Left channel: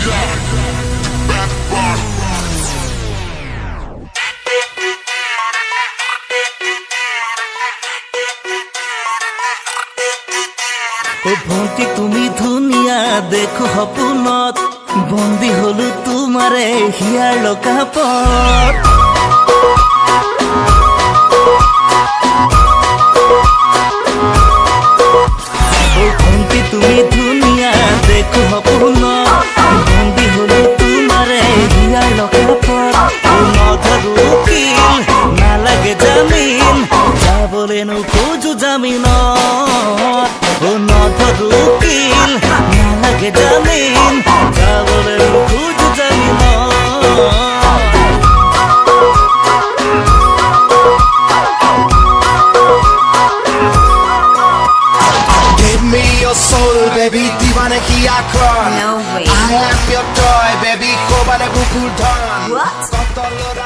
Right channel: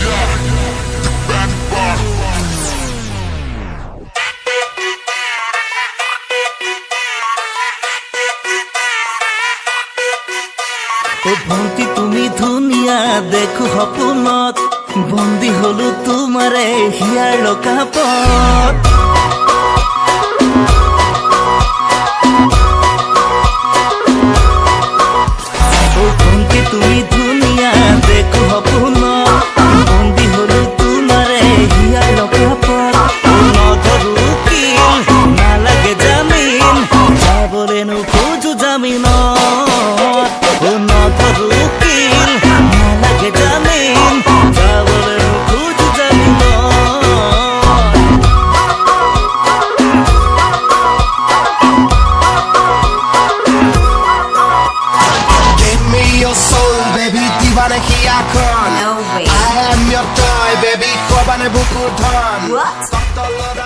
ও ভন্টি তুমি ধুনিয়া দেখো সপোনত বন্দী হলো তোমারে হিয়াৰ লকাপত ও ভন্টি তুমি ধুনিয়া দেখো সপোনত বন্দী হলো তোমারে হিয়াৰ লকাপত ও নধৰো কিল নালাগে জামিন যাবলে নোখোজো জামিনত ও নধৰো কিল নালাগে জামিন যাবলে নোখোজো জামিনত Give me your soul, baby, divane hiya kon. No way. I am your toy, baby, kobane bukur dhan. What? Kotolore